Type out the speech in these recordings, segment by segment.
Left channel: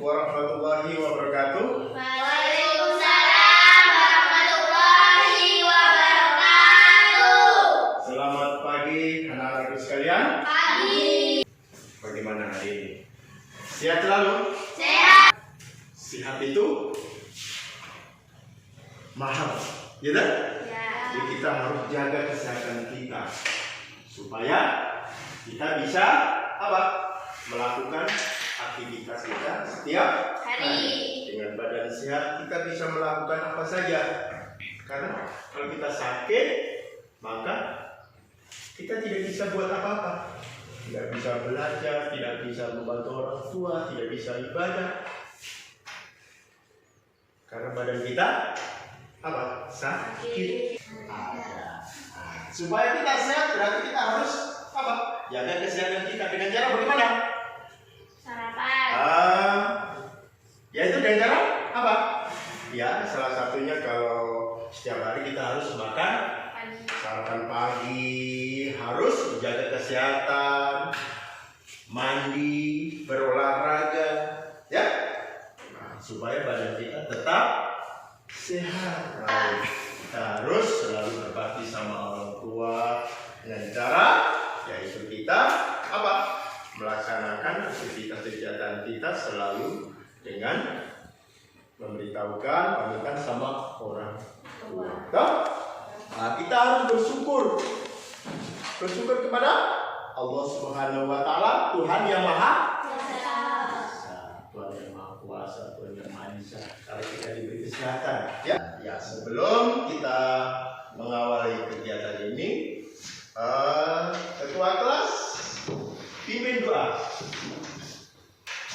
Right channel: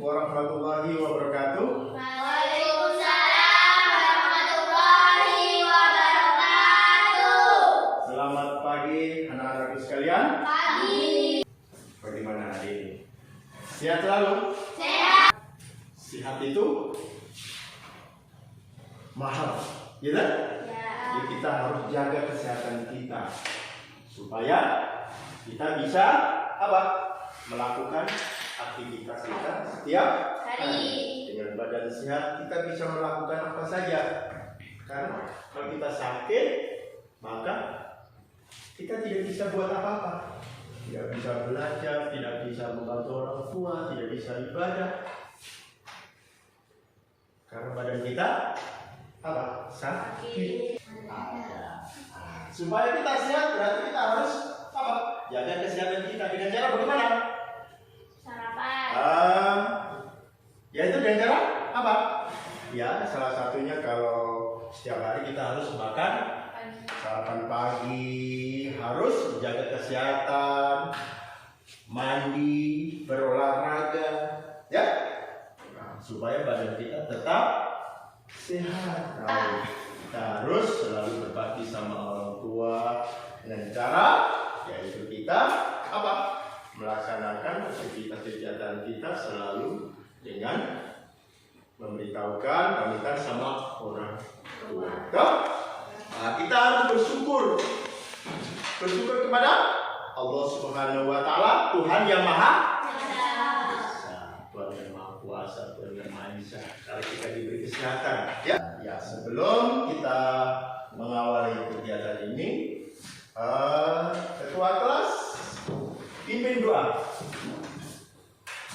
warahmatullahi wabarakatuh. Waalaikumsalam warahmatullahi wabarakatuh. Selamat pagi anak-anakku sekalian. Pagi. Bagaimana hari ini? Sehat selalu? Sehat. Sehat itu mahal, ya kan? Ya. Jadi kita harus jaga kesehatan kita supaya kita bisa melakukan aktivitas kita setiap hari. Dengan badan sehat kita bisa melakukan apa saja. Karena kalau kita sakit, maka kita tidak bisa buat apa-apa. Tidak bisa belajar, tidak bisa membantu orang tua, tidak bisa ibadah. Karena badan kita sakit. Supaya kita sehat berarti kita harus jaga kesehatan kita dengan cara bagaimana? Sarapan. Yaitu dengan cara apa? Ya, salah satunya kalau setiap hari kita harus makan sarapan pagi, harus menjaga kesehatan, mandi, berolahraga, ya, supaya badan kita tetap sehat. Kita harus selalu berbakti sama orang tua dengan cara yaitu kita melaksanakan aktivitas kegiatan kita selalu dengan memberitahukan pamitan sama orang tua. Nah, kita harus bersyukur kepada Allah Subhanahu wa Ta'ala, Tuhan yang Maha Esa, Tuhan yang Maha Kuasa, Tuhan yang Maha Esa. Karena kita diberi kesehatan. Ya, sebelum kita mengawali kegiatan ini, ketua kelas pimpin doa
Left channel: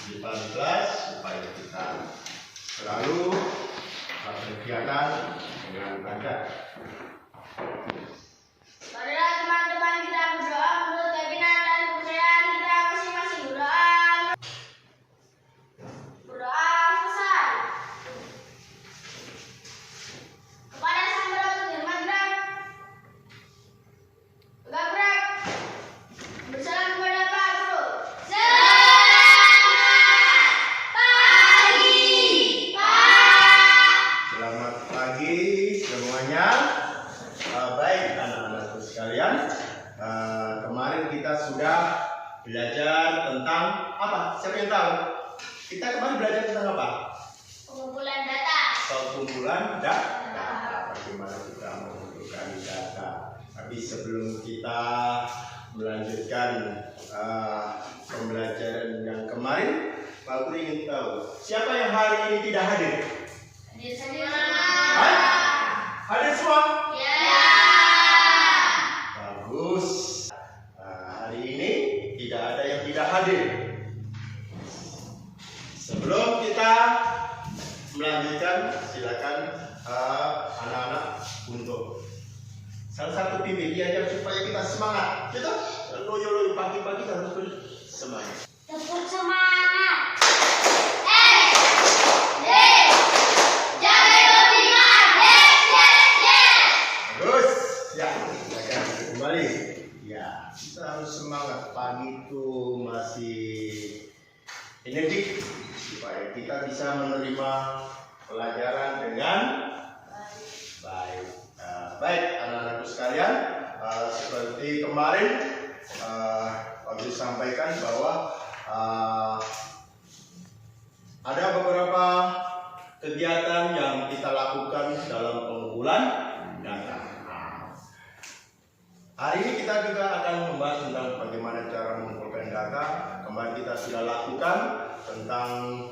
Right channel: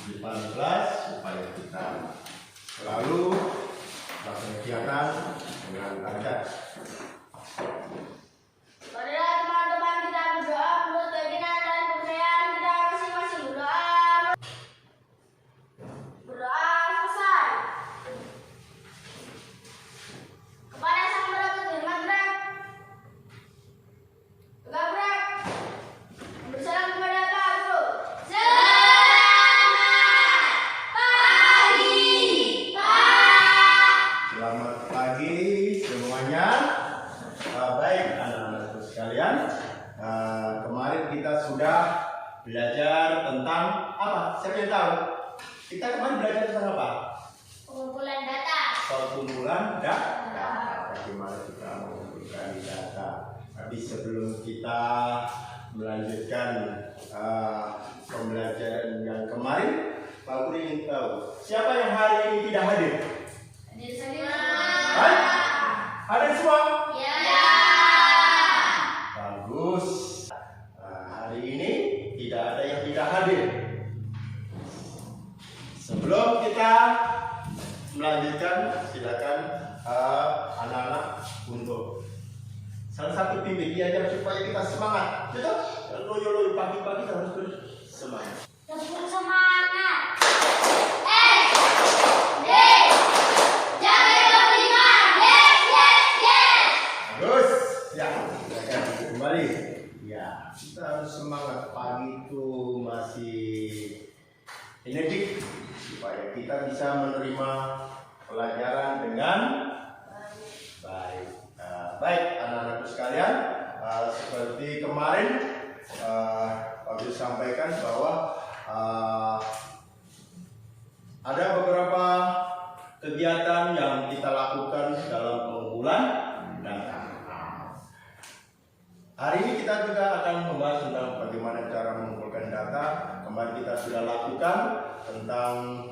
di depan kelas supaya kita selalu berkegiatan dengan lancar. Marilah teman-teman kita berdoa menurut keinginan dan kepercayaan kita masing-masing. Berdoa selesai. Kepada Sang Maha Firman gerak. Tegak gerak. Bersalam kepada Pak Guru. Selamat pagi semuanya. Baik anak-anakku sekalian, kemarin kita sudah belajar tentang apa? Siapa yang tahu? Kita kemarin belajar tentang apa? Pengumpulan data. Pengumpulan data. Bagaimana kita mengumpulkan data. Tapi sebelum kita melanjutkan pembelajaran yang kemarin, Pak Guru ingin tahu siapa yang hari ini tidak hadir? Hadir semua. Hadir semua? Ya. Bagus. Hari ini tidak ada yang tidak hadir. Sebelum kita melanjutkan, silakan anak-anak untuk salah satu pimpin diajak supaya kita semangat. Gitu? Loyo-loyo pagi-pagi kita harus bersemangat. Tepuk semangat. Terus, ya, silakan kembali. Ya, kita harus semangat. Pagi itu masih energi supaya kita bisa menerima pelajaran dengan baik. Baik, anak-anakku sekalian, seperti kemarin Pak Guru sampaikan bahwa ada beberapa kegiatan yang kita lakukan dalam pengumpulan data. Hari ini kita juga akan membahas tentang bagaimana cara mengumpulkan data. Kemarin kita sudah lakukan tentang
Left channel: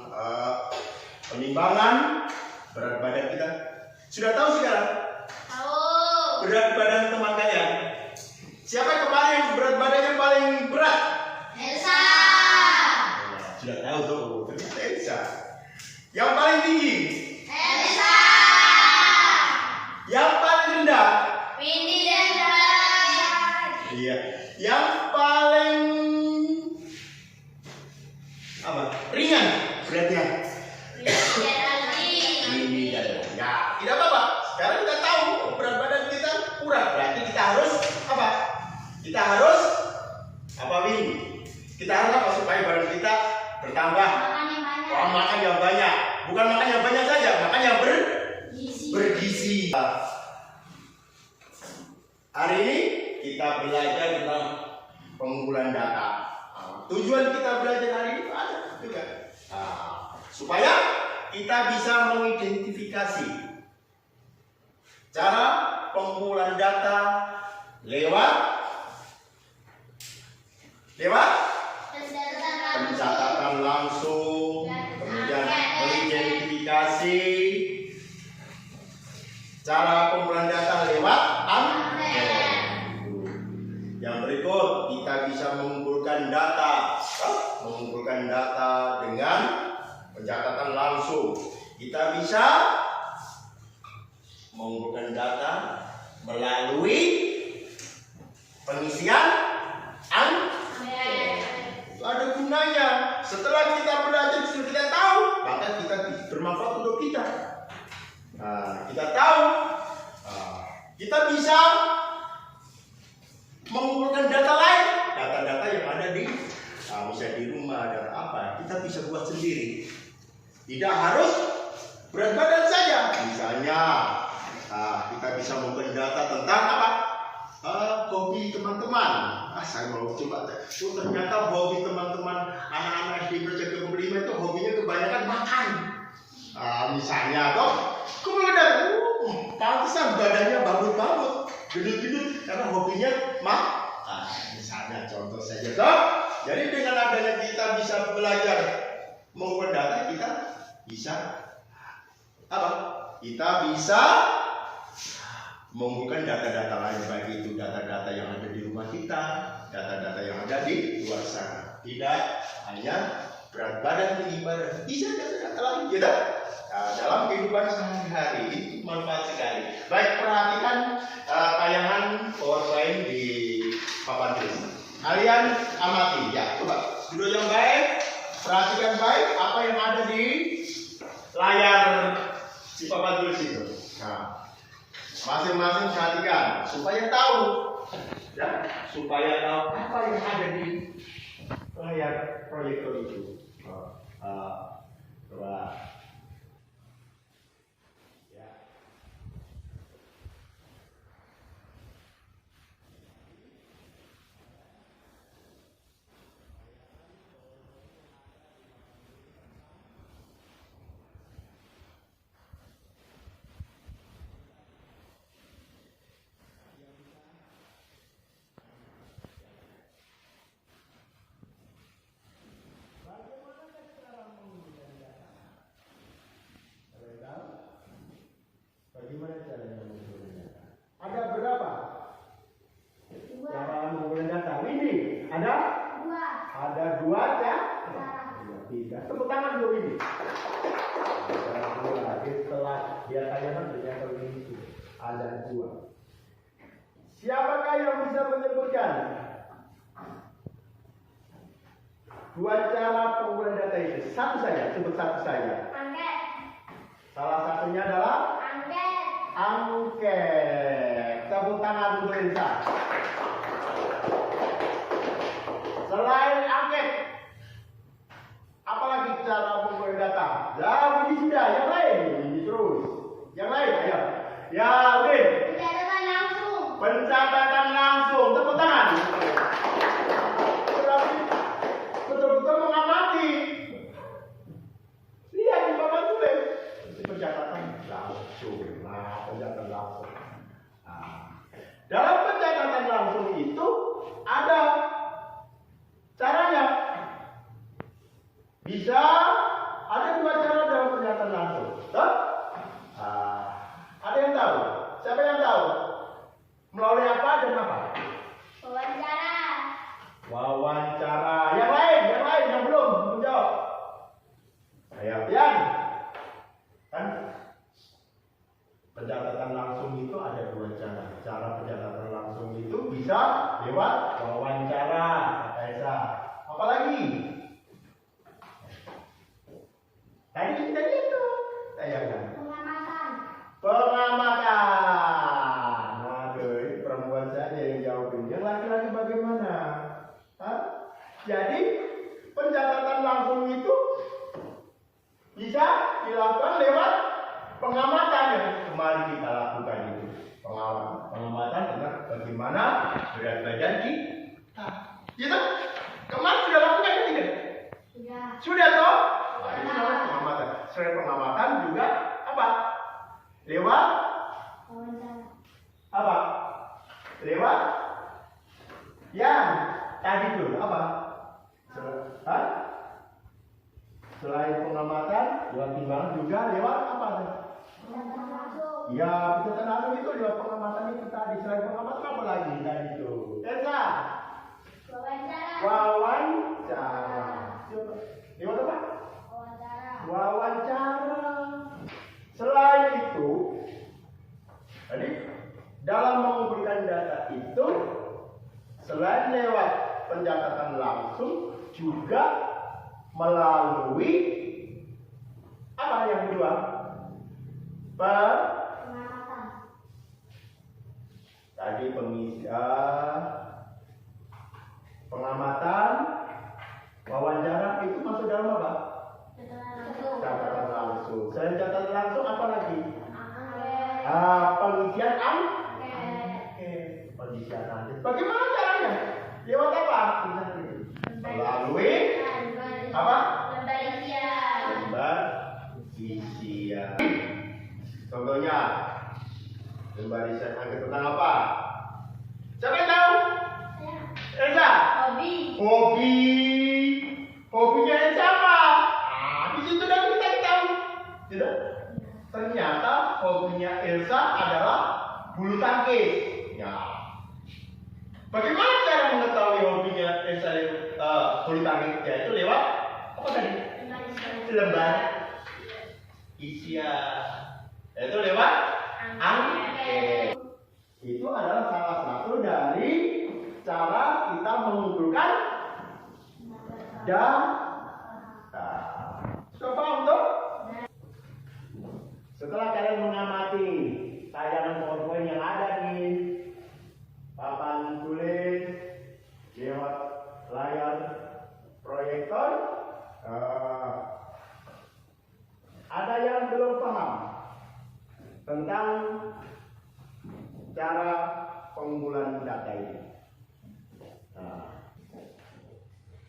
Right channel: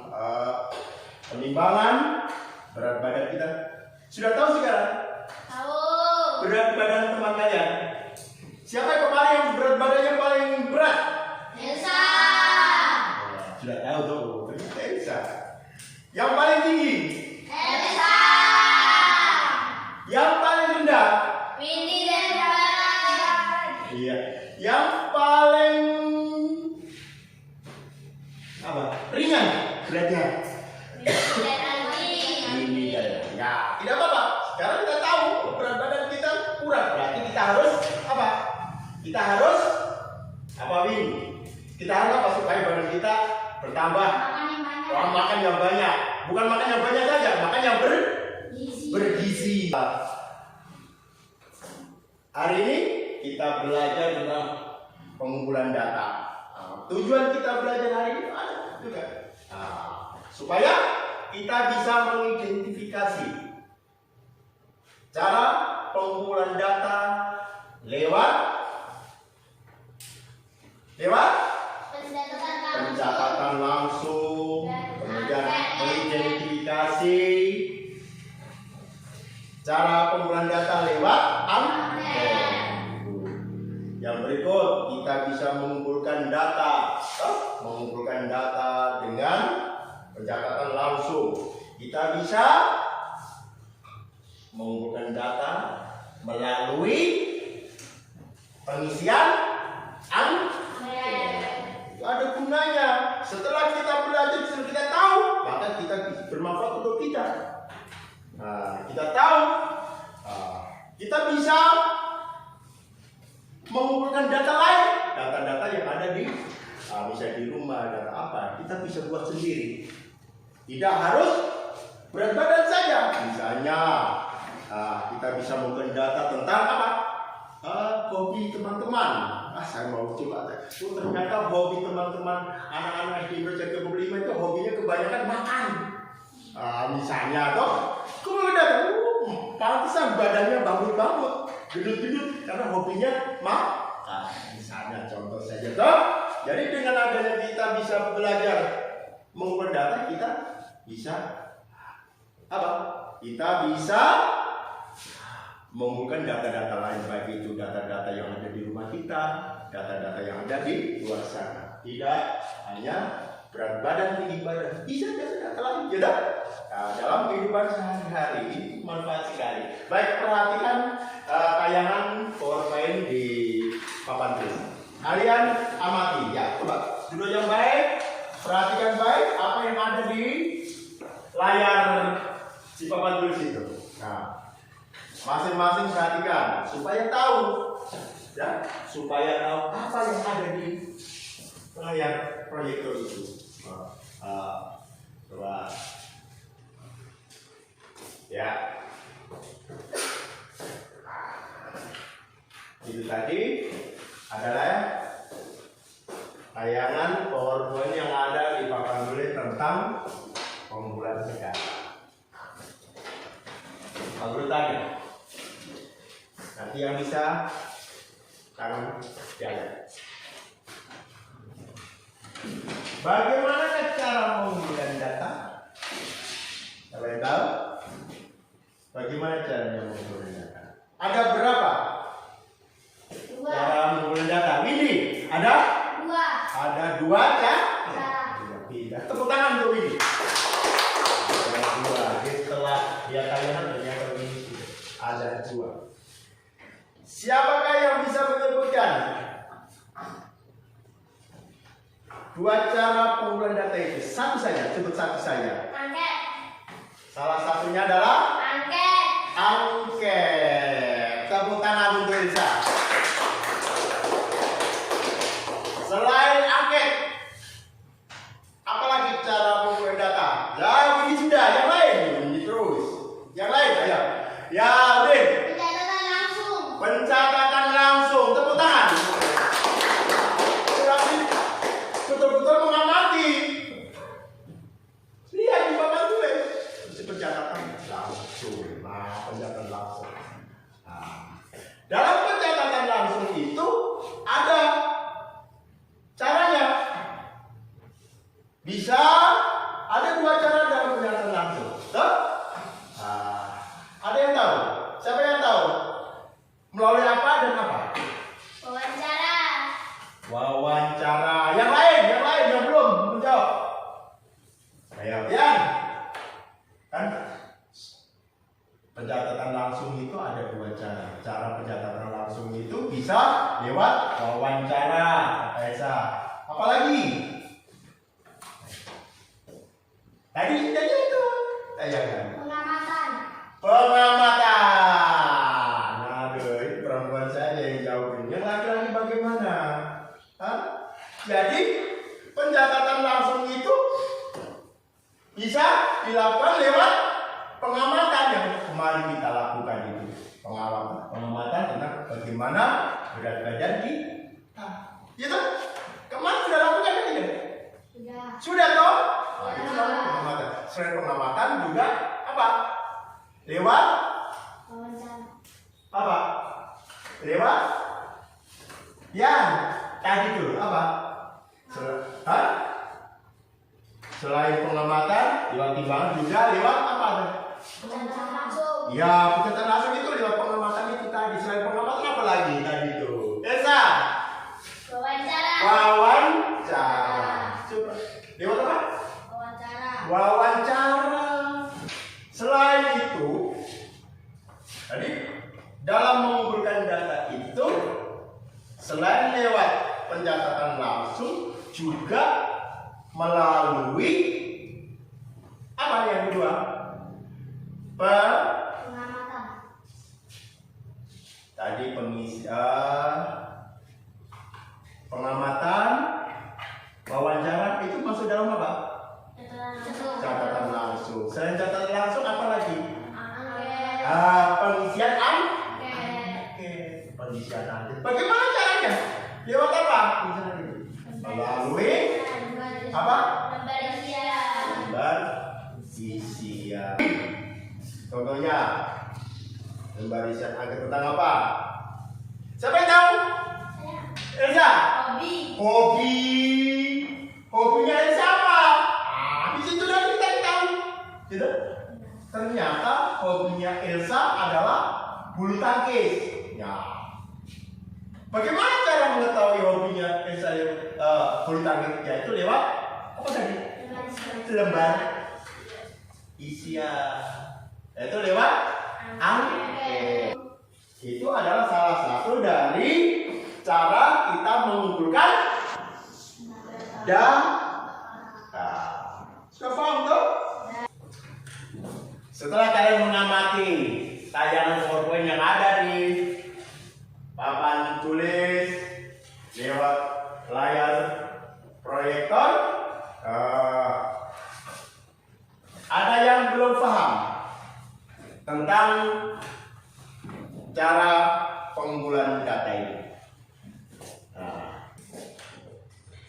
penimbangan berat badan kita. Sudah tahu sekarang? Tahu. Berat badan teman kalian. Siapa yang kemarin berat badan yang paling berat? Elsa. Sudah tahu tuh, ternyata Elsa. Yang paling tinggi? Elsa. Yang paling rendah? Windy dan Zara. Iya. Yang paling ringan beratnya? Ini dan ya, tidak apa-apa. Sekarang kita tahu berat badan kita kurang, berarti kita harus apa? Kita harus apa, Windy? Kita harus apa supaya badan kita bertambah? Makan yang banyak. Wah, makan yang banyak. Bukan makan yang banyak saja, makan yang bergizi. Hari ini kita belajar tentang pengumpulan data. Tujuan kita belajar hari ini ada juga. Supaya kita bisa mengidentifikasi cara pengumpulan data lewat pencatatan langsung, kemudian mengidentifikasi cara pengumpulan data lewat angket. Yang berikut kita bisa mengumpulkan data dengan pencatatan langsung. Kita bisa mengumpulkan data melalui pengisian angket. Itu ada gunanya. Setelah kita belajar, setelah kita tahu, maka kita bermanfaat untuk kita. Kita tahu, kita bisa mengumpulkan data lain, data-data yang ada di bisa di rumah, data apa, kita bisa buat sendiri. Tidak harus berat badan saja. Misalnya, kita bisa mengumpulkan data tentang apa? Hobi teman-teman. Saya mau coba. Ternyata hobi teman-teman anak-anak di Indonesia ke-5 itu hobinya kebanyakan makan. Misalnya toh, kemudian pantesan badannya bangun-bangun, gendut-gendut karena hobinya makan. Misalnya contoh saja toh. Jadi dengan adanya kita bisa belajar mengumpulkan data, kita bisa apa? Kita bisa mengumpulkan data-data lain, baik itu data-data yang ada di rumah kita, data-data yang ada di luar sana. Tidak hanya berat badan, tinggi badan, bisa data lain juga. Dalam kehidupan sehari-hari itu manfaat sekali. Baik, perhatikan tayangan PowerPoint di papan tulis. Kalian amati, ya, coba duduk yang baik, perhatikan baik apa yang ada di layar si papan tulis itu. Masing-masing perhatikan supaya tahu, ya, supaya tahu apa yang ada di layar proyektor itu. Coba, ya, itu tadi adalah tayangan PowerPoint yang ada di papan tulis tentang pengumpulan data. Tanya. Nanti yang bisa tangan jalan. Bagaimana cara mengumpulkan data? Siapa yang tahu? Bagaimana caranya mengumpulkan data? Ada berapa? 2. Cara mengumpulkan data. Ini ada? 2. Ada 2 ya? Tidak. Tepuk tangan untuk ini. Ada 2. Setelah dia tayangan ternyata ini ada 2. Siapakah yang bisa menyebutkan 2 cara pengumpulan data itu? Satu saja, sebut satu saja. Angket. Salah satunya adalah angket. Tepuk tangan untuk Elsa. Selain angket, apalagi cara pengumpulan data? Ya, ini sudah. Yang lain, ini terus. Yang lain, ayo. Ya, Udin. Pencatatan langsung. Tepuk tangan. Betul-betul mengamati. Lihat di papan tulis. Pencatatan langsung. Pencatatan langsung. Dalam pencatatan langsung itu ada caranya. Bisa ada 2 cara dalam pencatatan langsung. Tuh? Ada yang tahu? Siapa yang tahu? Melalui apa dan apa? Wawancara. Yang lain yang belum menjawab. Ayo, Pian. Kan pencatatan langsung itu ada 2 cara. Cara pencatatan langsung itu bisa lewat wawancara, kata Esa. Apalagi? Tadi itu. Pengamatan. Aduh, perempuan saja yang jawabin. Yang laki-laki bagaimana? Jadi pencatatan langsung itu bisa dilakukan lewat pengamatan yang kemarin kita lakukan itu. Pengamatan tentang bagaimana berat badan kita. Gitu? Kemarin sudah lakukan kan tidak? Sudah toh? Nah, itu namanya pengamatan. Selain pengamatan juga apa? Lewat apa? Lewat yang tadi dulu apa? Selain pengamatan, lewat timbangan juga lewat apa? Ya, pencatatan langsung itu lewat pengamatan itu tadi. Selain pengamatan apa lagi tadi itu? Elsa? Wawancara. Coba. Lewat apa? Wawancara. Selain itu, tadi dalam mengumpulkan data itu, selain lewat pencatatan langsung, juga melalui apa yang kedua? Tadi pengamatan, wawancara itu masuk dalam apa? Catatan langsung. Selain catatan langsung apa lagi? Pengisian pengisian angket. Bagaimana caranya? Lewat apa? Melalui apa? Lembar isian. Contohnya lembar isian angket tentang apa? Siapa yang tahu? Elsa. Hobinya Elsa apa? Di situ dan kita tahu. Tidak? Ternyata hobinya Elsa adalah bulu tangkis. Ya. Bagaimana cara mengetahui hobinya Elsa bulu tangkis? Yaitu lewat apa tadi? Lembar isian. Yaitu lewat angket. Itu adalah salah satu dari cara kita mengumpulkan data. Sudah paham tuh? Setelah kalian mengamati tayangan PowerPoint yang ada di papan tulis lewat layar proyektor, ada yang belum paham tentang cara pengumpulan data ini.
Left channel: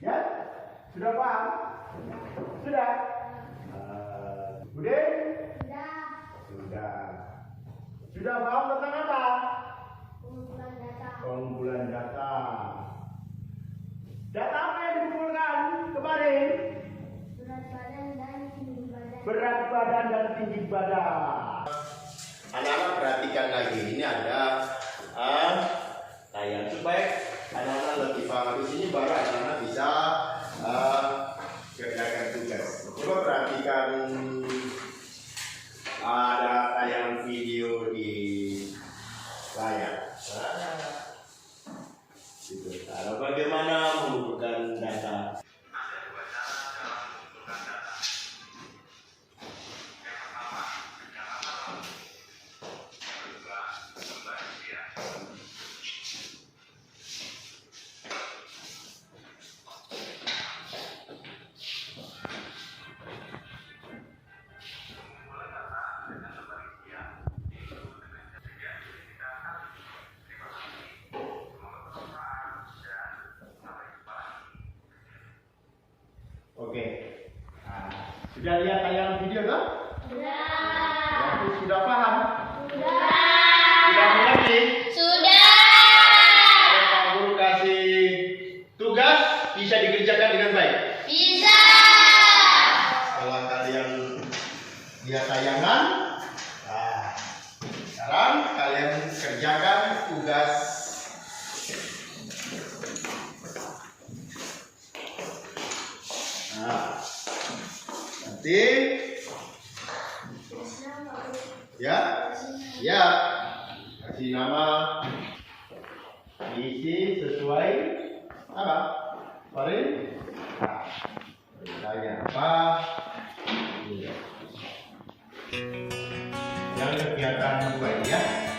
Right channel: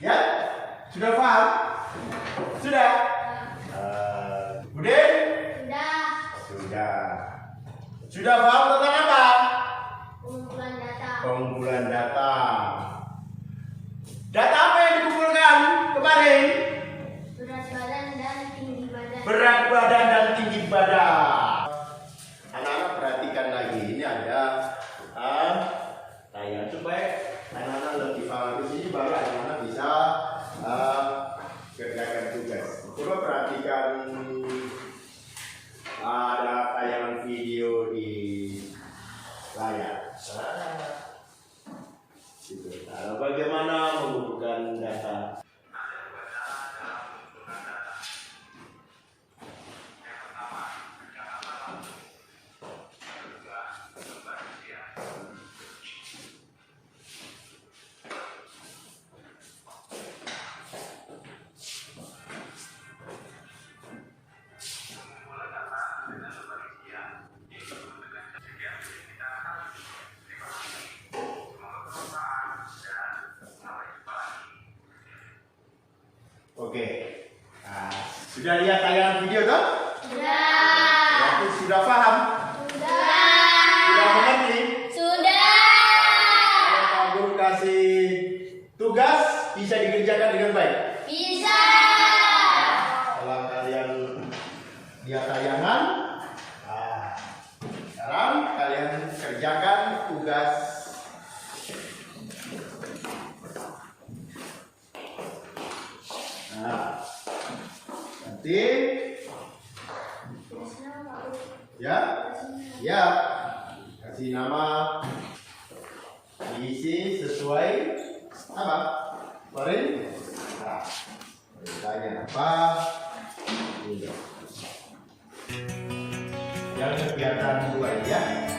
Ya, sudah paham? Sudah? Udah? Sudah paham tentang apa? Pengumpulan data. Data apa yang dikumpulkan kemarin? Berat badan dan tinggi badan. Anak-anak perhatikan lagi, ini ada tayang supaya anak-anak lebih paham. Di sini baru anak-anak bisa kerjakan tugas. Coba perhatikan, ada tayangan video di layar. Nah, bagaimana mengumpulkan data? Oke, nah, sudah lihat tayangan video toh? Sudah. Sudah paham? Sudah mengerti? Kalau Pak Guru kasih tugas, bisa dikerjakan dengan baik? Bisa. Kalau kalian lihat tayangan, sekarang kalian kerjakan tugas. Nah, nanti ya kasih nama, isi sesuai apa kemarin. Nah, beritanya apa? Ini yang kegiatan 2 ya.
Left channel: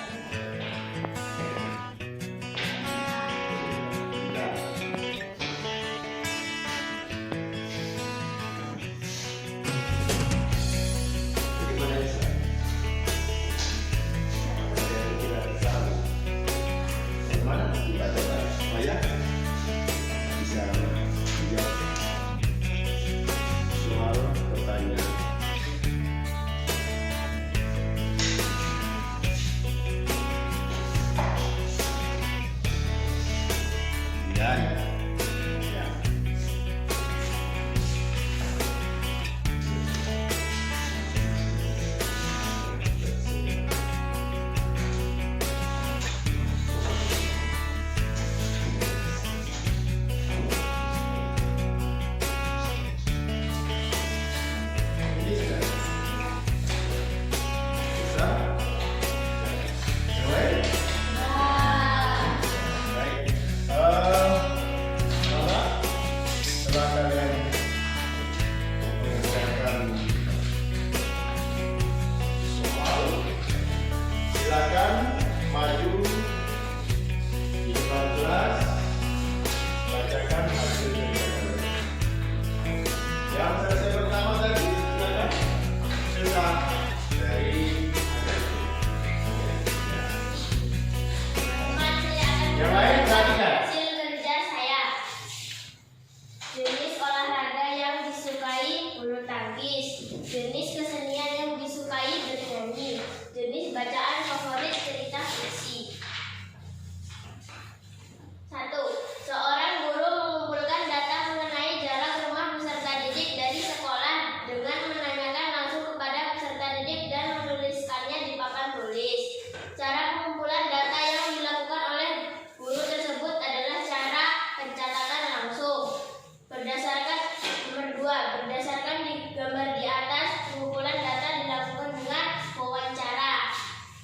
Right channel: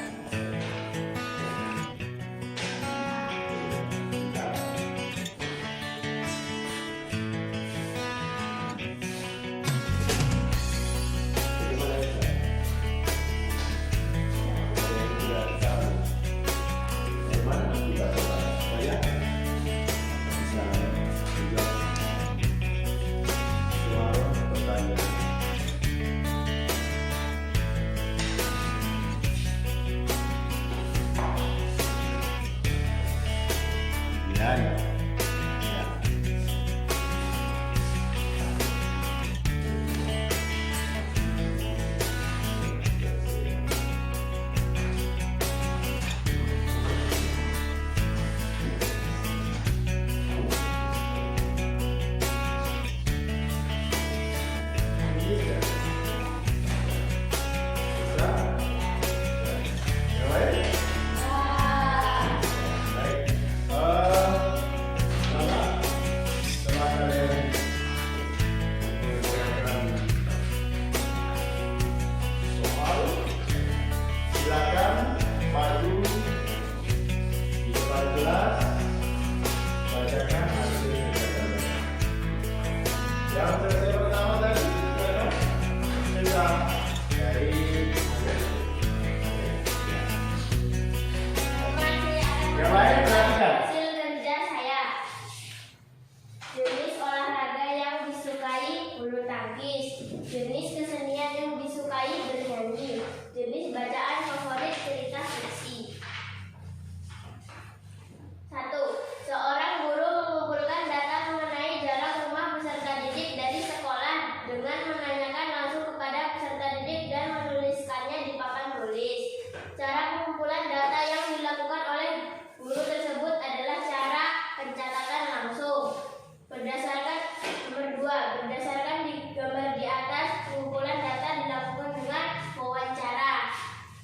Berdasarkan di gambar di atas, pengumpulan data dilakukan dengan wawancara.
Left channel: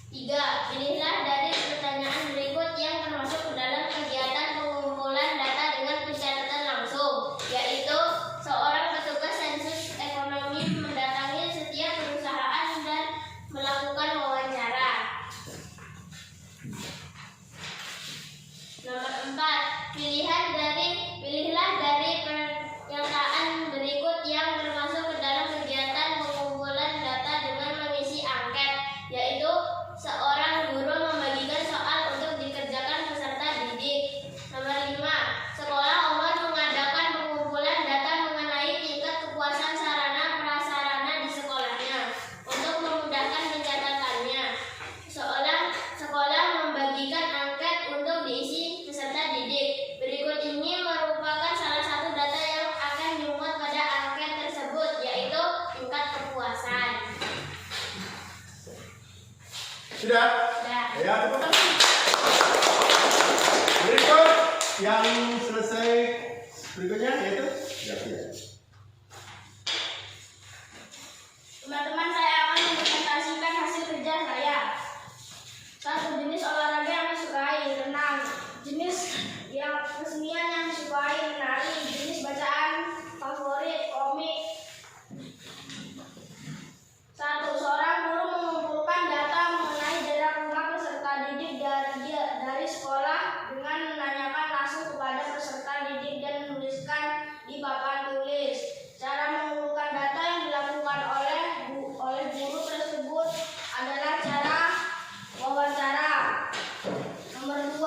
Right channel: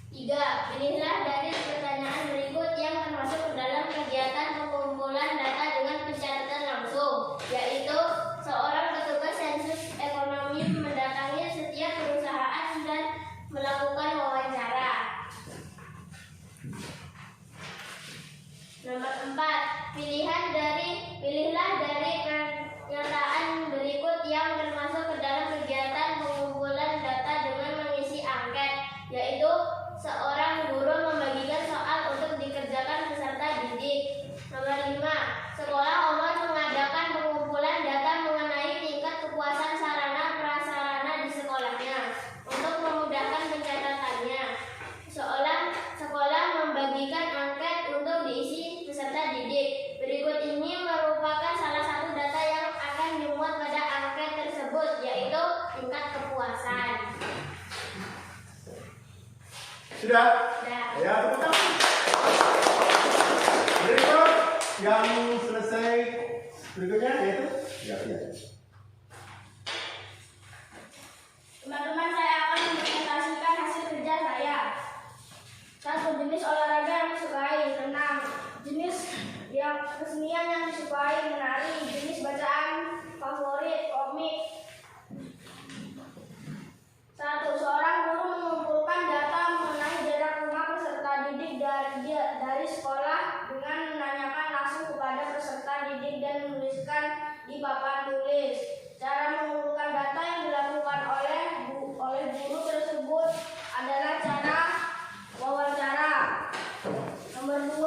3. Pilihlah dari pertanyaan berikut yang termasuk ke dalam kegiatan pengumpulan data dengan pencatatan langsung, yaitu seorang petugas sensus ekonomi mendatangi setiap perusahaan dan melakukan wawancara. Nomor 4. Pilihlah dari pernyataan berikut yang termasuk ke dalam kegiatan pengumpulan data dengan mengisi angket, yaitu seorang guru membagikan soal untuk dikerjakan peserta didik. Nomor 5. Sekolah Omar mengadakan pengumpulan data mengenai tingkat kepuasan sarana prasarana di sekolahnya. Untuk memudahkan pencatatannya, sekolah membagikan angket untuk diisi peserta didik. Berikut ini merupakan salah satu data yang akan dimuat pada angket tersebut, yaitu tingkat kepuasan. Sudah? Sudah. Ya, tepuk tangan. Berikut yang selesai berikutnya yaitu ya. Teman-teman, saya akan mempresentasikan hasil kerja saya. 1. Jenis olahraga yang disukai, renang. Jenis yang kesenian yang disukai, menari. Jenis bacaan favorit, komik. 1. Seorang guru mengumpulkan data mengenai jarak rumah peserta didik dari sekolah dengan menanyakan langsung kepada peserta didik dan menuliskan di papan tulis. Cara mengumpulkan data yang dilakukan oleh guru tersebut adalah cara wawancara. Nomor 2.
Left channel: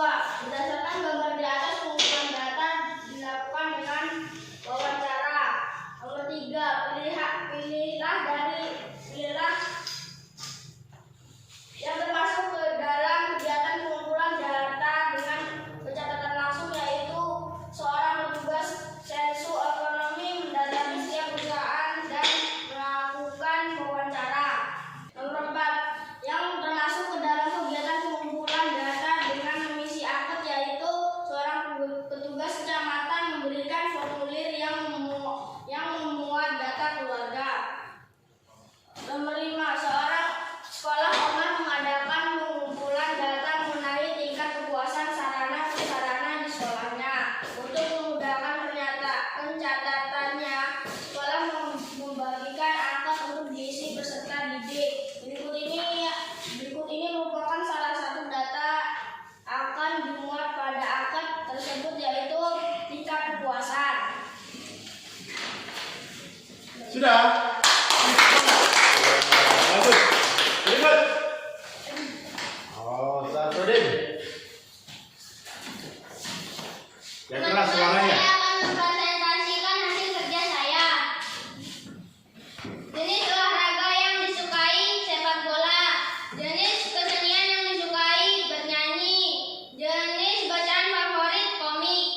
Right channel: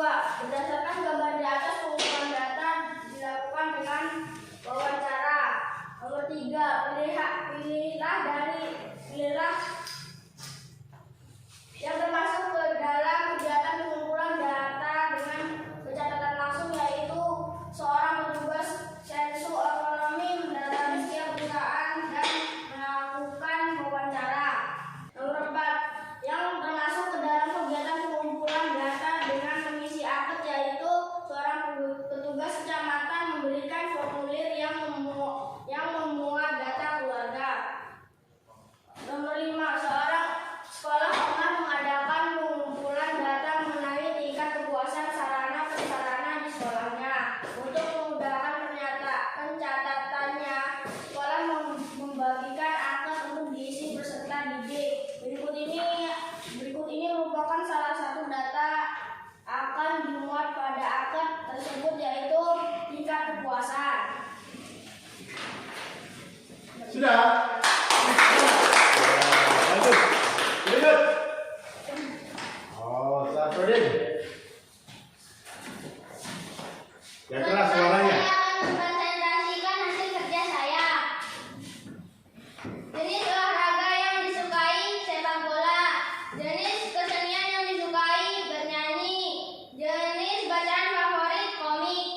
Berdasarkan gambar di atas, pengumpulan data dilakukan dengan wawancara. Nomor 3. Pilihlah yang termasuk ke dalam kegiatan pengumpulan data dengan pencatatan langsung, yaitu seorang petugas sensus ekonomi mendatangi setiap perusahaan dan melakukan wawancara. Nomor 4. Yang termasuk ke dalam kegiatan pengumpulan data dengan mengisi angket, yaitu seorang petugas kecamatan memberikan formulir yang memuat data keluarga. Nomor 5. Sekolah Omar mengadakan pengumpulan data mengenai tingkat kepuasan sarana prasarana di sekolahnya. Untuk memudahkan pencatatannya, sekolah membagikan angket untuk diisi peserta didik. Berikut ini merupakan salah satu data akan dimuat pada angket tersebut, yaitu tingkat kepuasan. Sudah? Lanjut. Berikut. Oh, Sarfudin. Yang keras suaranya. Saya akan mempresentasikan hasil kerja saya. Jenis olahraga yang disukai, sepak bola. Jenis kesenian yang disukai, bernyanyi. Jenis bacaan favorit, komik.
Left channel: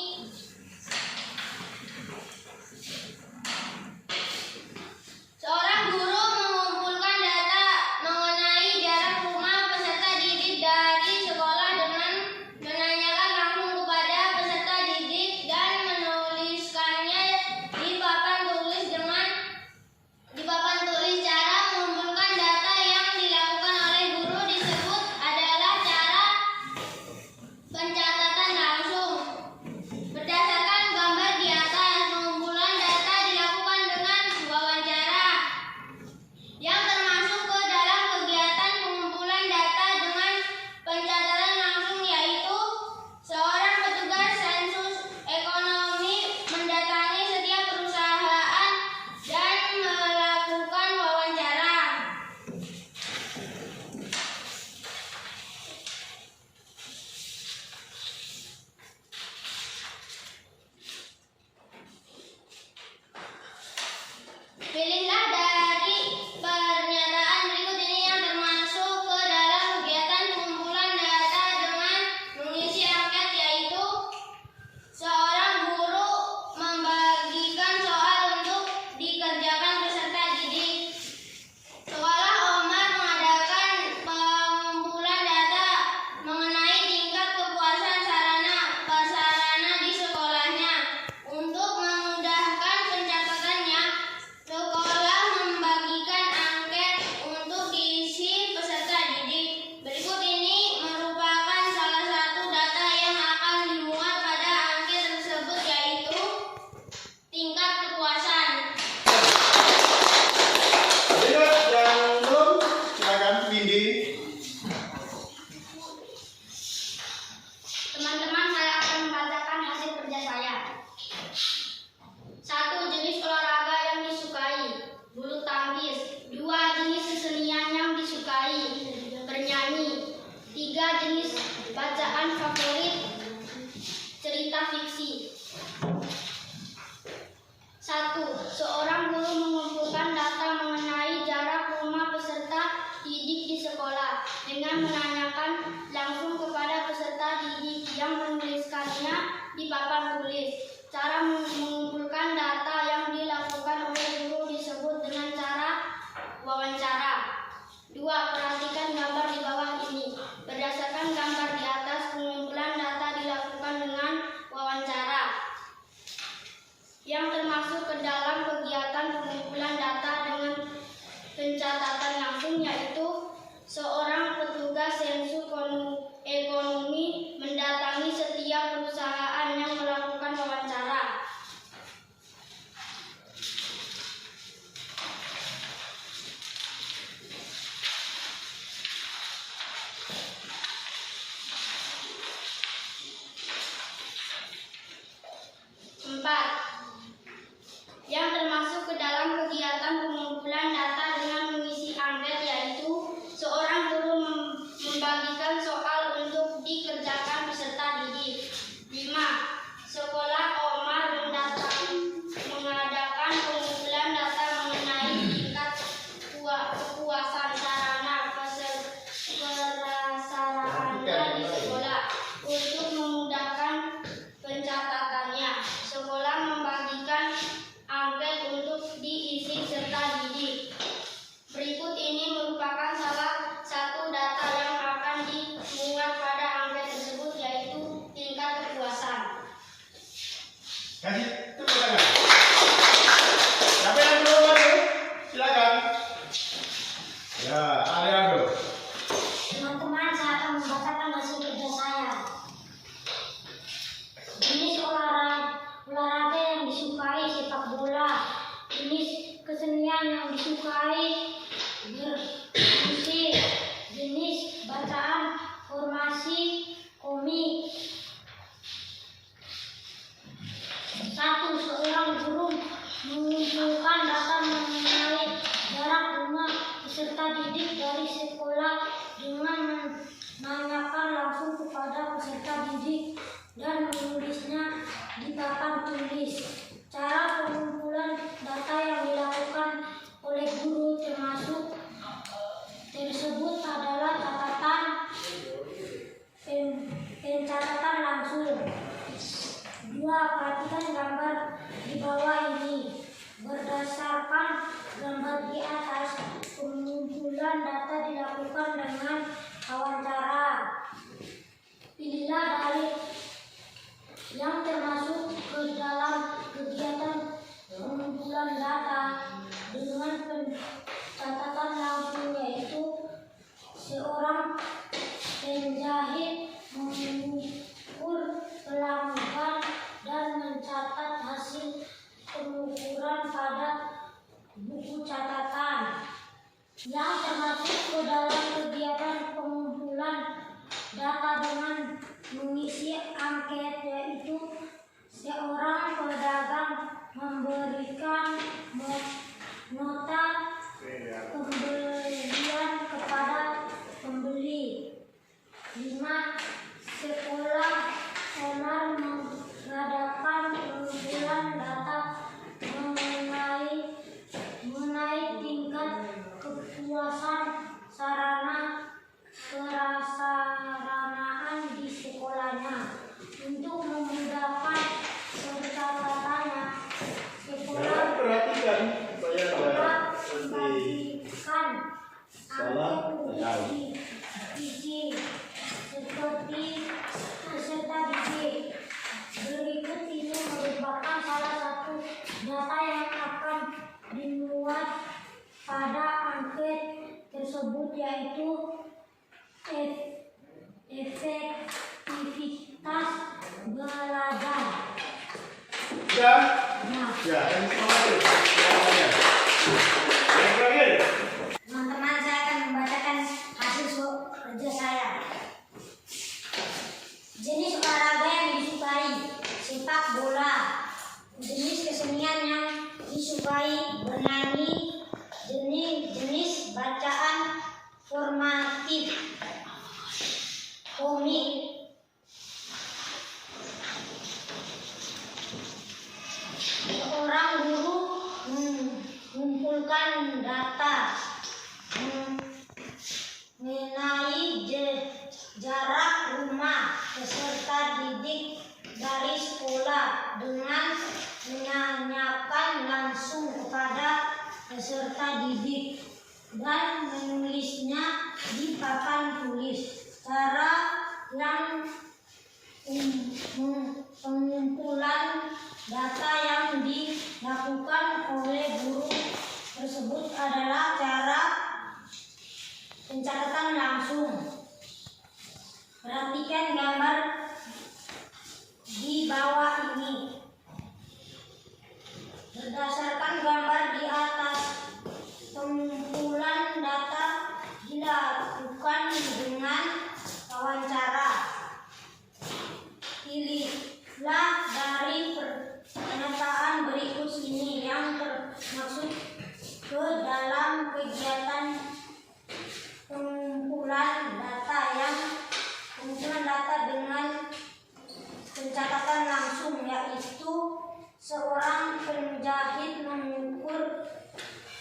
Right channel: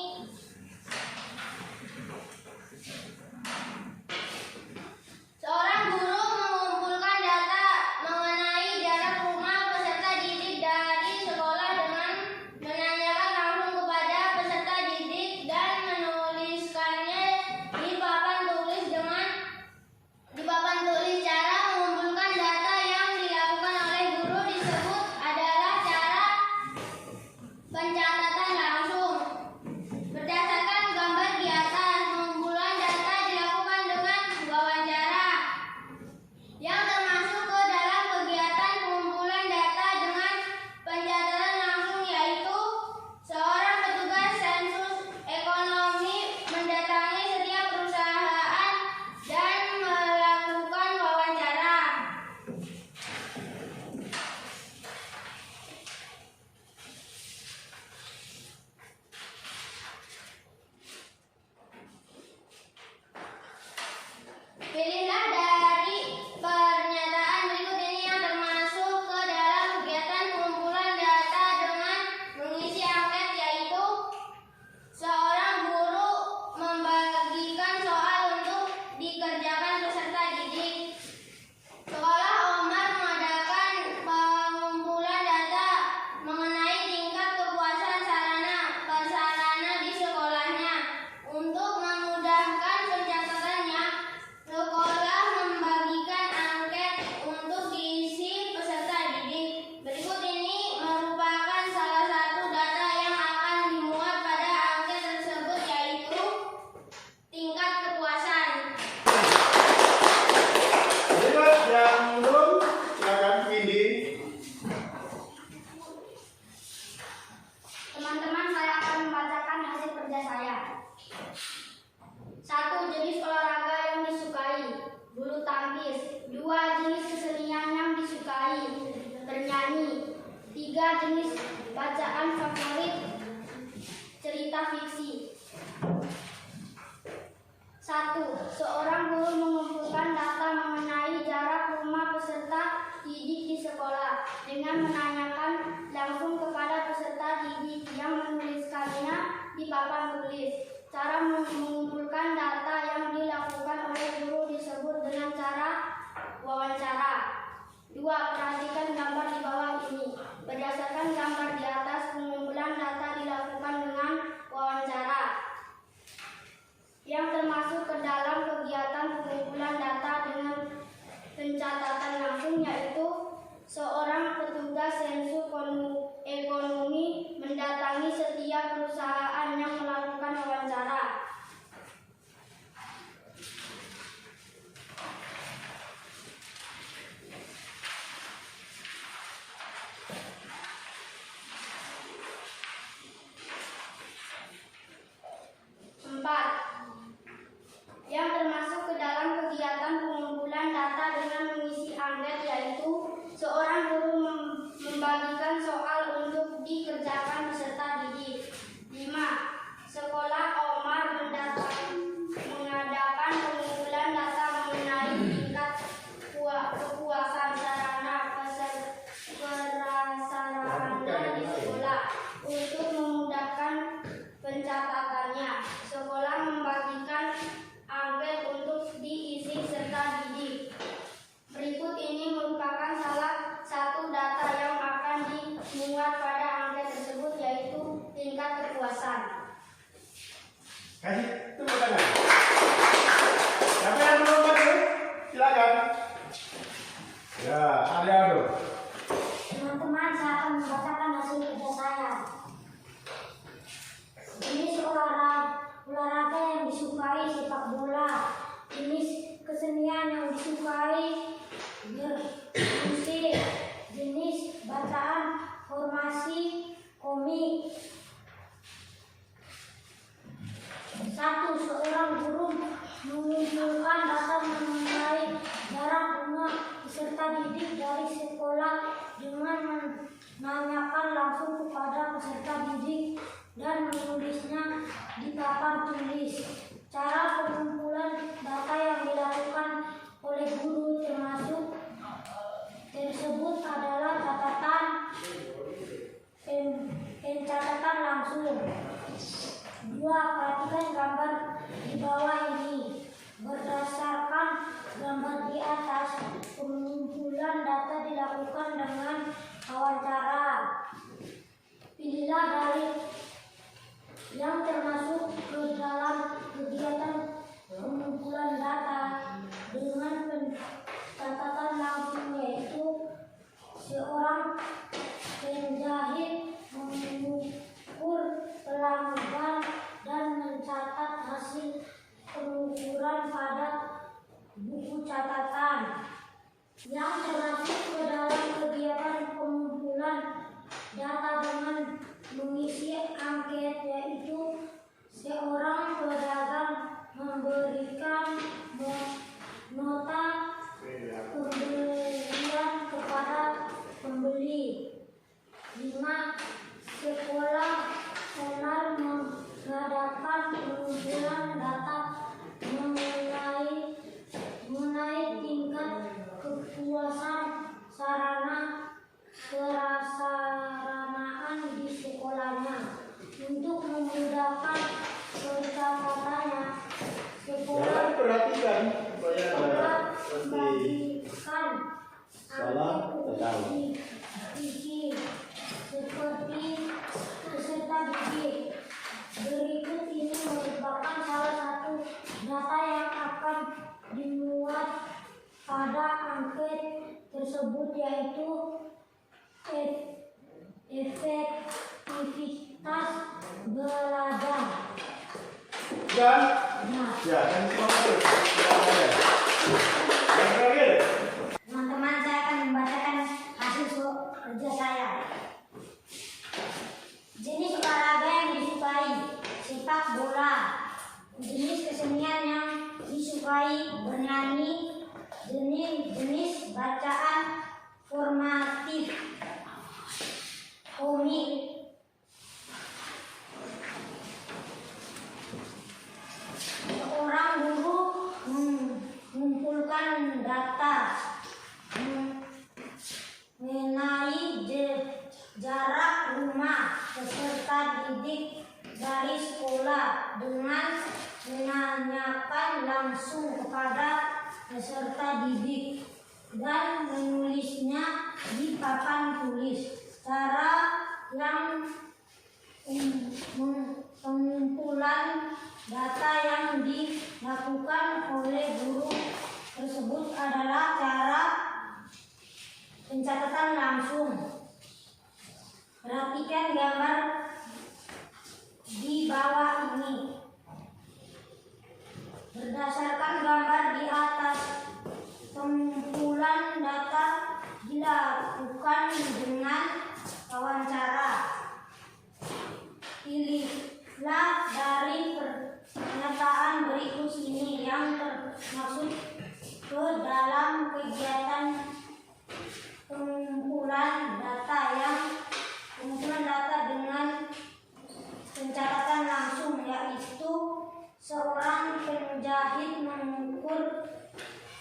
bacaan favorit cerita fiksi. 1. Seorang guru mengumpulkan data mengenai jarak rumah peserta didik di sekolah dengan menanyakan langsung kepada peserta didik yang menuliskannya di papan tulis. Cara mengumpulkan data yang dilakukan oleh guru disebut dengan cara wawancara. 2. Perhatikan gambar di bawah ini. Berdasarkan gambar di atas, pengumpulan data dilakukan dengan wawancara yang termasuk ke dalam kegiatan pengumpulan data dengan pencatatan langsung, yaitu seorang petugas sensus ekonomi mendatangi setiap perusahaan yang melakukan wawancara. Yang termasuk ke dalam kegiatan pengumpulan data dengan mengisi angket, yaitu seorang guru membagikan soal untuk dikerjakan peserta didik. 5. Sekolah Omar mengadakan pengumpulan data mengenai tingkat kepuasan sarana prasarana di sekolah. Untuk memudahkan pencatatannya, sekolah membagikan angket untuk diisi serta didik. Berikut ini merupakan salah satu data yang akan dimuat pada angket tersebut, yaitu tingkat kepuasan. Kasih tepuk tangan. Siapa yang belum masuk? Silakan. Ya, Ariado. Teman-teman, saya akan membacakan hasil kerja saya. Jenis olahraga yang disukai sepak bola. Jenis kesenian yang disukai bermusik. Jenis bacaan formasi komik. 1. Seorang guru mengumpulkan data mengenai jarak rumah peserta didik dari sekolah dengan menanyakan langsung kepada peserta didik dan menulisnya di papan tulis. Cara pengumpulan data yang dilakukan oleh guru tersebut adalah pencatatan langsung. 2. Perhatikan gambar di bawah ini. Berdasarkan gambar di atas, pengumpulan data dilakukan dengan wawancara. Pilihlah dari yang termasuk ke dalam kegiatan pengumpulan data dengan pencatatan langsung, yaitu seorang penjahit mengukur pelanggan dan mencatat hasil pengukuran pada buku catatan. Yang termasuk ke dalam kegiatan pengumpulan data dengan mengisi angket, yaitu seorang pedagang memberikan nota pembelian kepada pembeli. 5. Sekolah Omar mengadakan pengumpulan data mengenai tingkat kepuasan sarana prasaranaan di sekolahnya. Untuk memudahkan pencatatannya, sekolah Perhatikan supaya membagikan salah angket diisi seperti peserta didik. Berikut ini merupakan salah satu data yang akan dimuat pada angket tersebut, yaitu efektivitas belajar. Sudah? Ya, yang terakhir. Yang terakhir. Teman-teman, saya akan membacakan hasil kerja saya. Jenis olahraga yang disukai sepak bola. Jenis kesenian yang disukai bernyanyi. Jenis bacaan formatif komik. data mengenai jarak rumah peserta didik dari sekolah dengan menanyakan langsung kepada peserta didik dan menulisnya di papan tulis. Cara yang pengumpulan data yang dilakukan oleh guru tersebut adalah cara pencatatan langsung. Perhatikan gambar di bawah ini. Berdasarkan gambar di atas, pengumpulan data dilakukan dengan wawancara. Pilihlah dari pernyataan berikut ini yang termasuk ke dalam kegiatan pengumpulan data dengan pencatatan langsung, yaitu seorang penjahit mengukur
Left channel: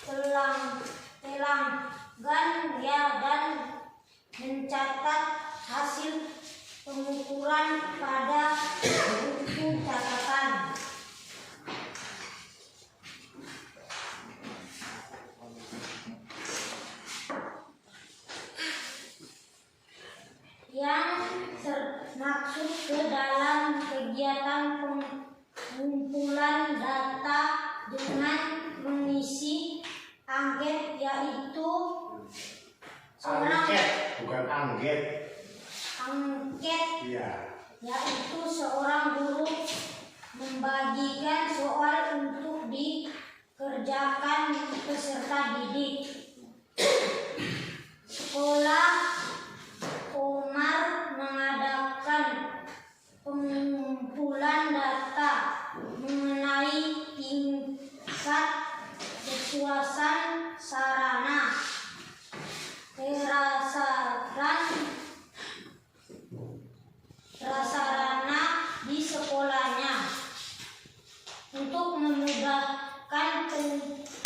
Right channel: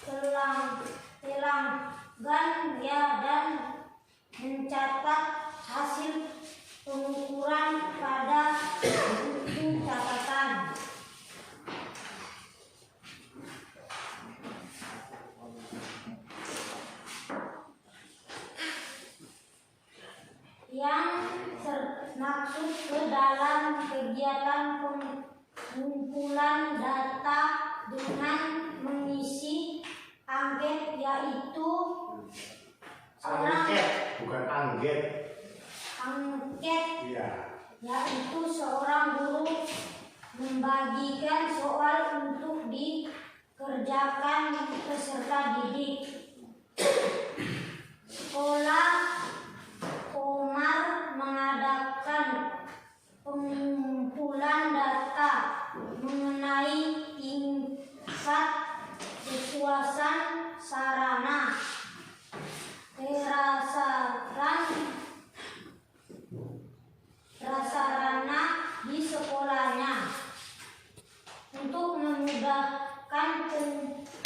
pelanggan dan mencatat hasil pengukuran pada buku catatan. Yang termaksud ke dalam kegiatan pengumpulan data dengan mengisi angket, yaitu Angket, bukan angget. Angket, Iya. yaitu seorang guru membagikan soal untuk dikerjakan peserta didik. Sekolah Komar mengadakan pengumpulan data mengenai tingkat kepuasan sarana prasarana di sekolahnya. Untuk memudahkan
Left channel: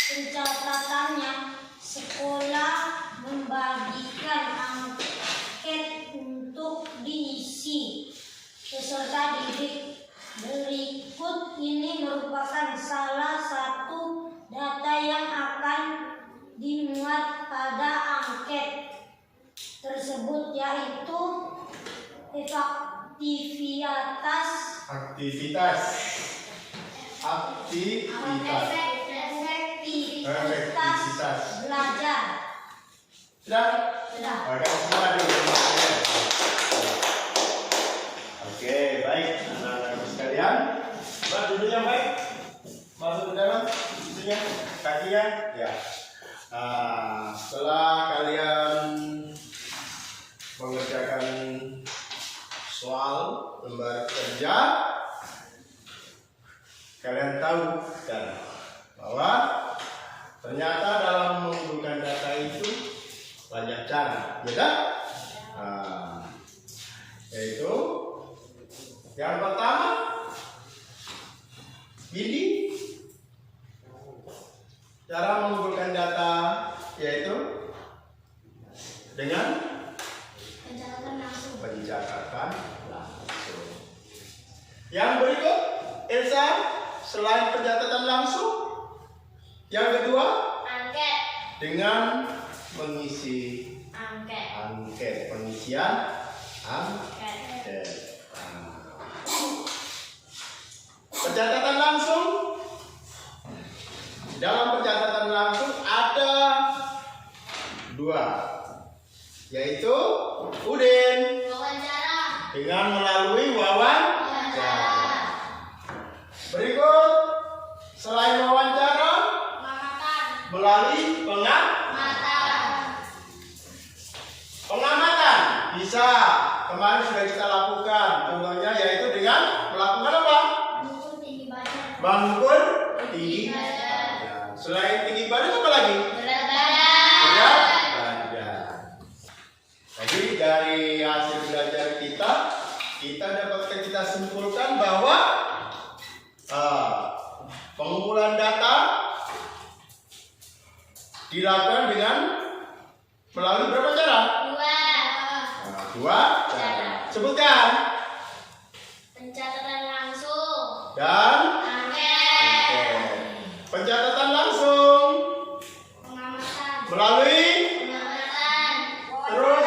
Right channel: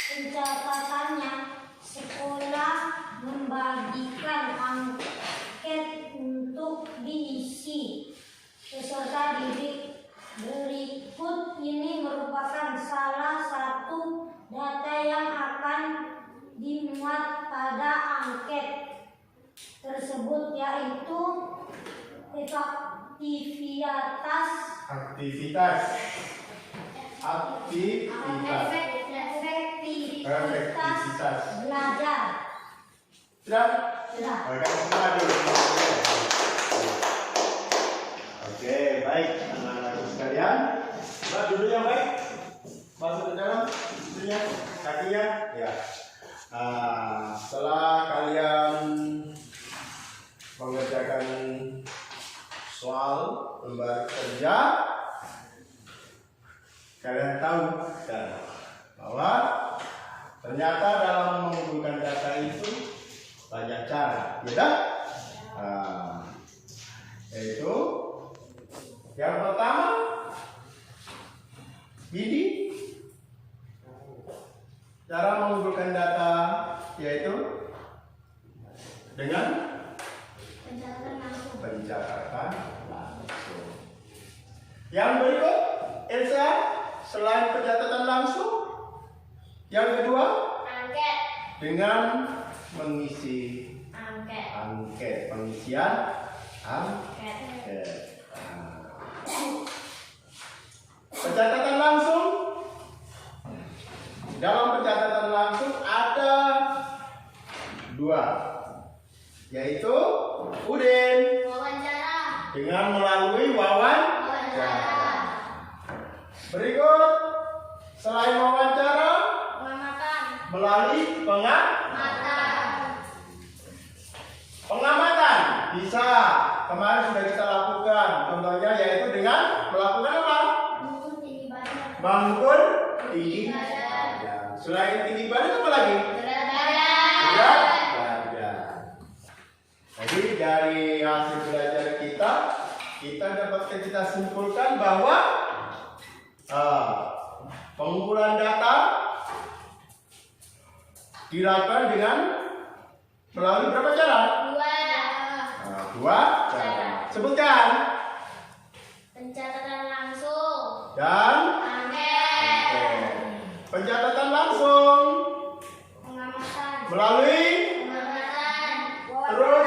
pencatatannya, sekolah membagikan angket untuk diisi peserta didik. Berikut ini merupakan salah satu data yang akan dimuat pada angket tersebut, yaitu efektivitas belajar. Sudah? Sudah. Oke, semua dulu. Oke, baik anak-anak sekalian. Mbak duduk yang baik. Masuk ke dalam, duduknya, kakinya, ya. Setelah kalian mengerjakan soal lembar kerja, kalian tahu kan bahwa ternyata dalam mengumpulkan data itu banyak cara, ya kan? Yaitu yang pertama, ini cara mengumpulkan data yaitu dengan pencatatan langsung. Yang berikut, Elsa, selain pencatatan langsung, yang kedua, Angket. dengan mengisi Angket. pengisian angket. Pencatatan langsung. Dalam pencatatan langsung ada dua, yaitu Udin Wawancara. dengan melalui wawancara. Berikut, selain wawancara, Pengamatan. melalui pengamatan bisa kemarin sudah kita lakukan. Contohnya yaitu dengan melakukan apa? Mengukur tinggi badan. Mengukur tinggi. Selain tinggi badan apa lagi? Berat badan. Berat badan. Jadi dari hasil belajar kita dapat kita simpulkan bahwa pengumpulan data dilakukan dengan melalui berapa cara? Dua cara. Sebutkan. Pencatatan langsung Dan angket, pencatatan langsung pengamatan, melalui terus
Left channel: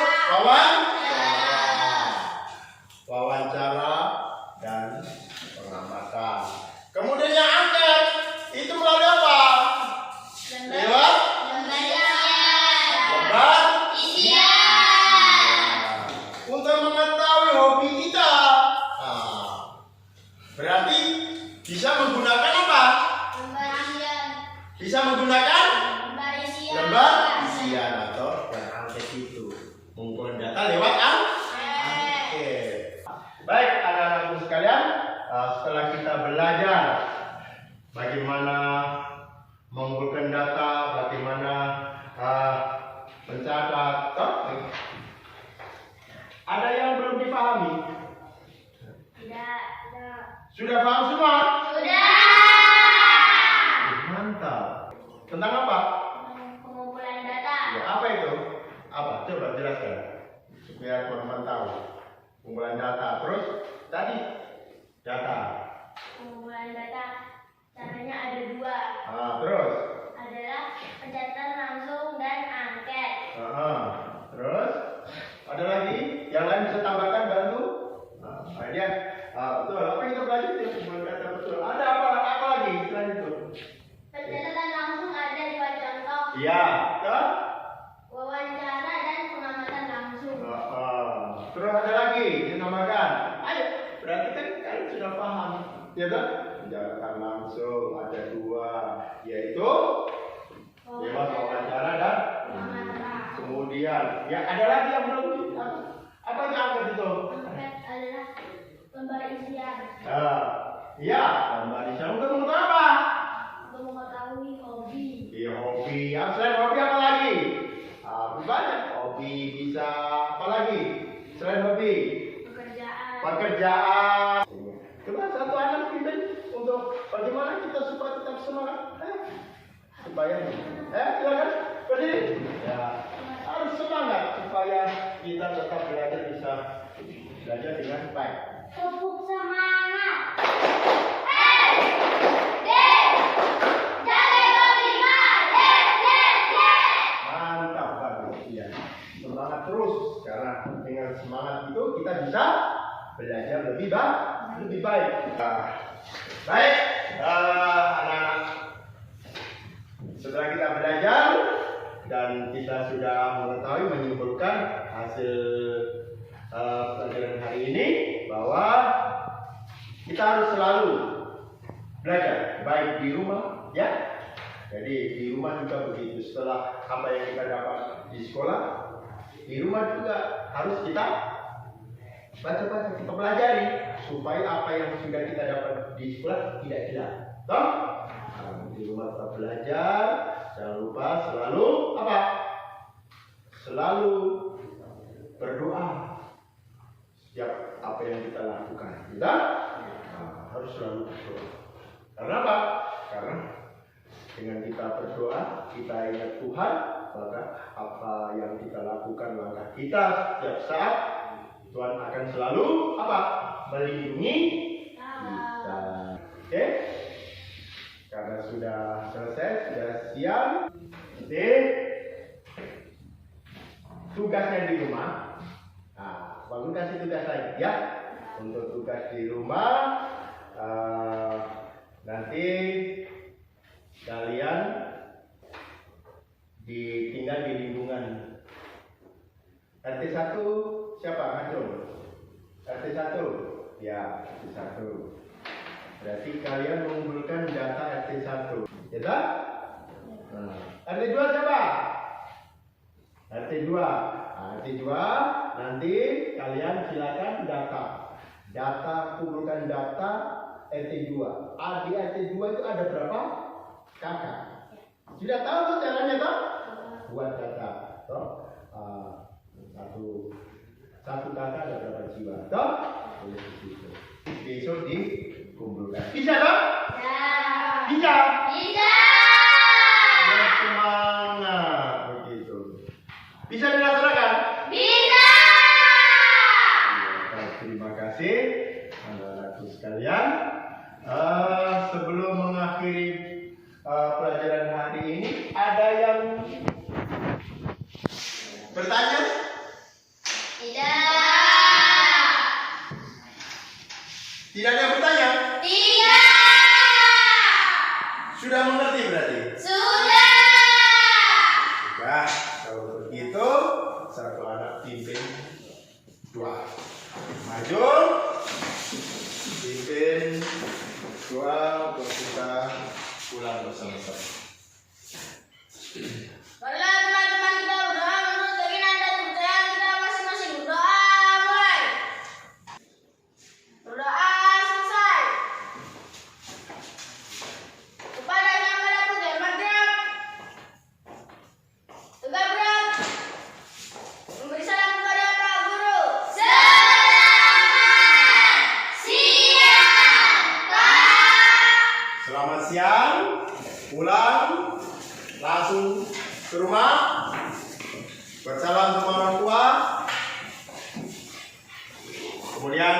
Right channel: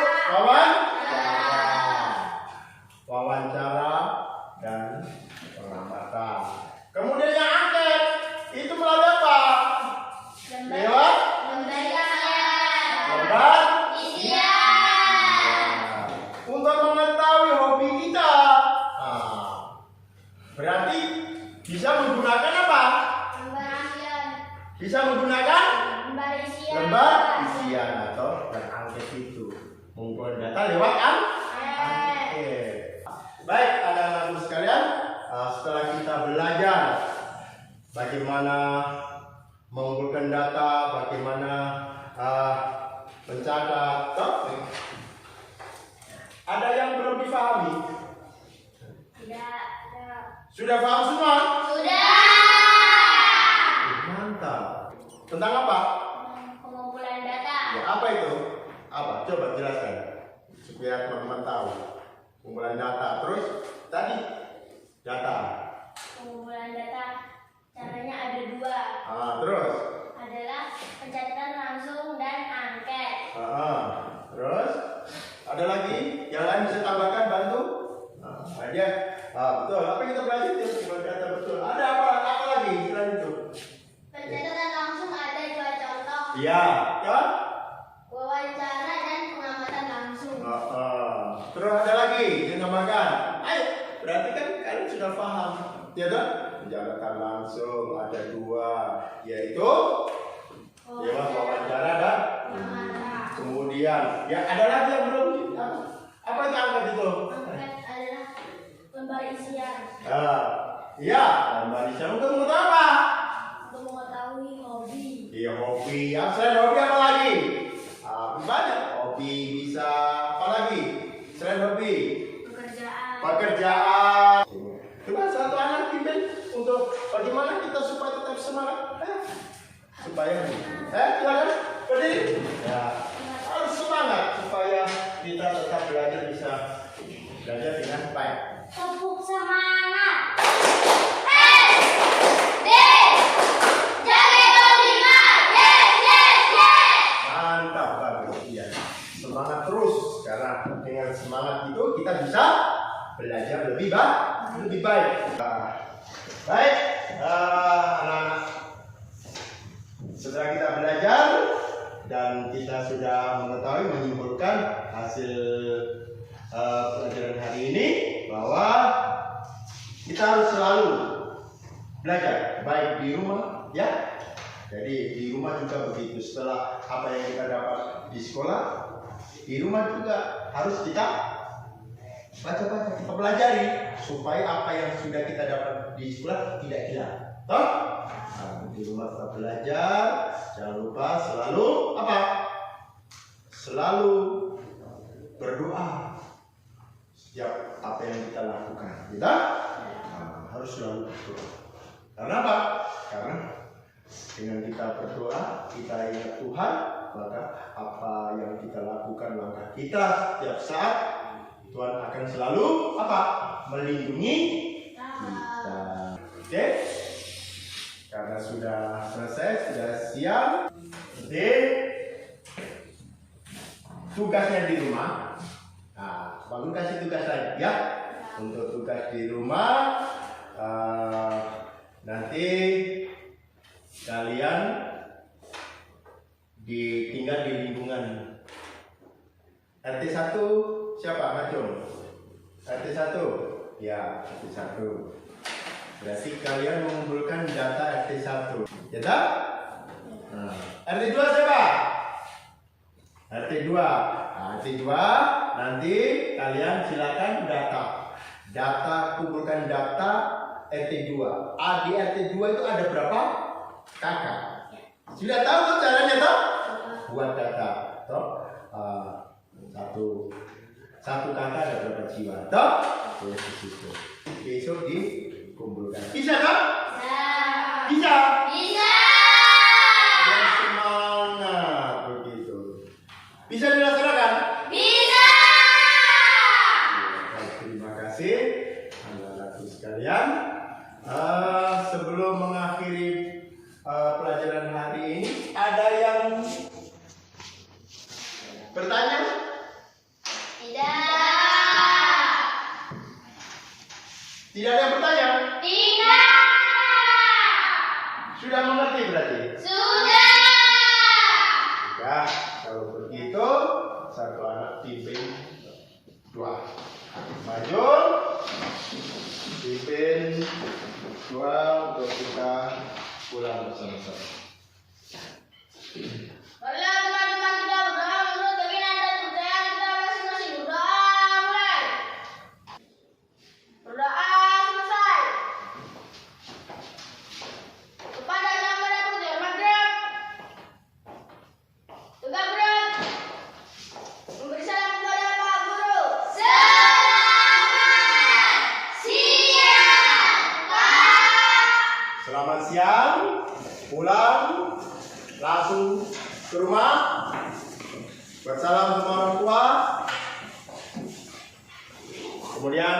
wawancara dan pengamatan. Kemudian yang angket itu melalui apa? Lewat lembar isian. Untuk mengetahui hobi kita. Berarti bisa menggunakan apa? Bisa menggunakan lembar isian atau yang angket itu. Mengumpulkan data lewat angket. Baik, anak-anakku sekalian, setelah kita belajar bagaimana mengumpulkan data, bagaimana mencatat, ada yang belum dipahami? Sudah paham semua? Mantap. Tentang apa? Pengumpulan data. Ya, apa itu? Apa? Coba jelaskan supaya teman-teman tahu. Pengumpulan data. Terus tadi data. Pengumpulan data caranya ada dua. Terus? Adalah pencatatan langsung dan angket. Terus? Ada lagi? Yang lain bisa tambahkan, bantu? Dia. Betul. Apa yang kita belajar itu pengumpulan data betul. Ada apa lagi selain itu? Pencatatan langsung ada dua contoh. Iya, kan? Wawancara dan pengamatan langsung. Terus ada lagi yang nambahkan. Ayo, berarti kan kalian sudah paham, ya kan? Penjelasan langsung ada dua, yaitu lewat wawancara dan kemudian ya ada lagi yang belum. Apa yang angkat itu? Angket adalah lembar isian. Iya, lembar isian untuk mengetahui apa? Untuk mengetahui hobi. Iya, hobi. Selain hobi apa lagi? Banyak. Hobi bisa apa lagi? Selain hobi? Pekerjaan. Coba satu anak pimpin untuk bagaimana kita supaya tetap semangat. Supaya silakan berdiri. Ya, harus semangat supaya kita tetap belajar dengan baik. Tepuk semangat. Mantap, bagus. Iya. Semangat terus karena dengan semangat itu kita bisa belajar lebih baik. Baik, anak-anak. Setelah kita belajar dan kita sudah mengetahui menyimpulkan hasil pelajaran hari ini bahwa kita harus selalu belajar baik di rumah, ya. Jadi di rumah juga begitu. Setelah apa yang kita dapat di sekolah, di rumah juga harus kita baca-baca, kita pelajari supaya apa yang sudah kita dapat di sekolah tidak hilang. Toh? Di rumah tetap belajar, jangan lupa selalu apa? Selalu berdoa setiap apa yang kita lakukan. Kita harus selalu berdoa. Karena apa? Karena dengan kita berdoa, kita ingat Tuhan, maka apa yang kita lakukan, langkah kita setiap saat, Tuhan akan selalu apa? Melindungi kita. Oke? Karena sudah selesai, sudah siap. Jadi tugasnya di rumah. Bangun kasih tugas lagi ya. Untuk tugas di rumah nanti kalian tinggal di lingkungan RT 1 siapa? Ngacung? RT 1? Ya, RT 1. Berarti kalian mengumpulkan data RT 1. Ya tak? RT 2 siapa? RT 2. RT 2 nanti kalian silakan data kumpulkan data RT 2. Di RT 2 itu ada berapa kakak? Sudah tahu tuh caranya toh? Buat data toh? Satu kakak ada berapa jiwa toh? Di situ. Besok dikumpulkan. Bisa toh? Bisa. Bisa. Semangat. bertanya? Tidak. Tidak ada yang bertanya? Tidak. Sudah mengerti berarti? Sudah. Sudah. Kalau begitu, satu anak pimpin 2. Maju. Pimpin 2 untuk kita pulang bersama-sama. Marilah teman-teman kita berdoa menurut keinginan dan kepercayaan kita masing-masing. Berdoa mulai. Berdoa selesai. Kepada Yang Maha Putih Maghrib, tegak berat. Memberi salam kepada Pak Guru. Selamat siang. Pulang langsung ke rumah. Bersalam sama orang tua. Kemudian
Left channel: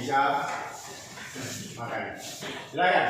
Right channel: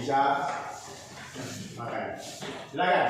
bisa makan. Silakan.